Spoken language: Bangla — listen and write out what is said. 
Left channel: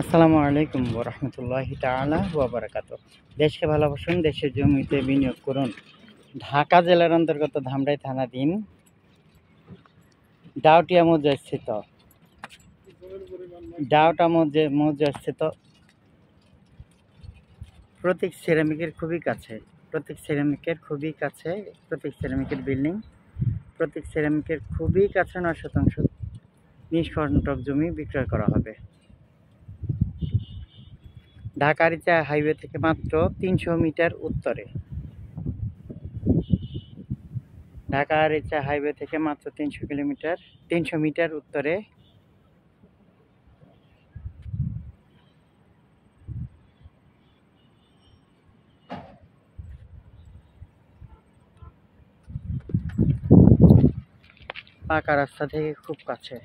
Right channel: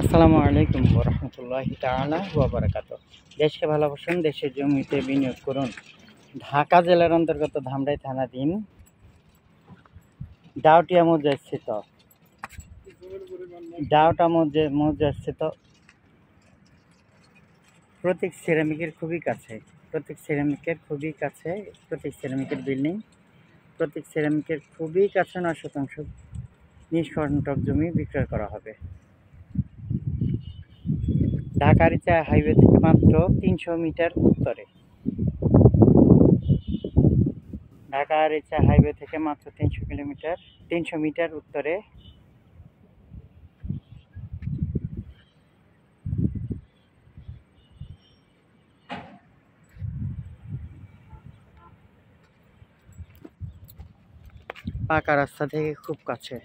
আসসালামু আলাইকুম ওরহমতুল্লাহি তাআলা ওয়া বারাকাতুহু। দেশকে ভালোবাসুন, দেশের জমিতে বিনিয়োগ করুন। ঢাকা জেলার অন্তর্গত ধামরাই থানাধীন ডাউটিয়া মৌজাস্থিত মৌজাস্থিত প্রতীক সিরামিকের খুবই কাছে, প্রতীক সিরামিকের বিল্ডিং, প্রতীক সিরামিকের খুবই কাছে 9 শতাংশ নিষ্কণ্টক জমি বিক্রয় করা হবে। ঢাকা-আরিচা হাইওয়ে থেকে মাত্র 300 মিটার উত্তরে। ঢাকা-আরিচা হাইওয়ে থেকে মাত্র 300 মিটার উত্তরে পাকা রাস্তা থেকে খুব কাছে।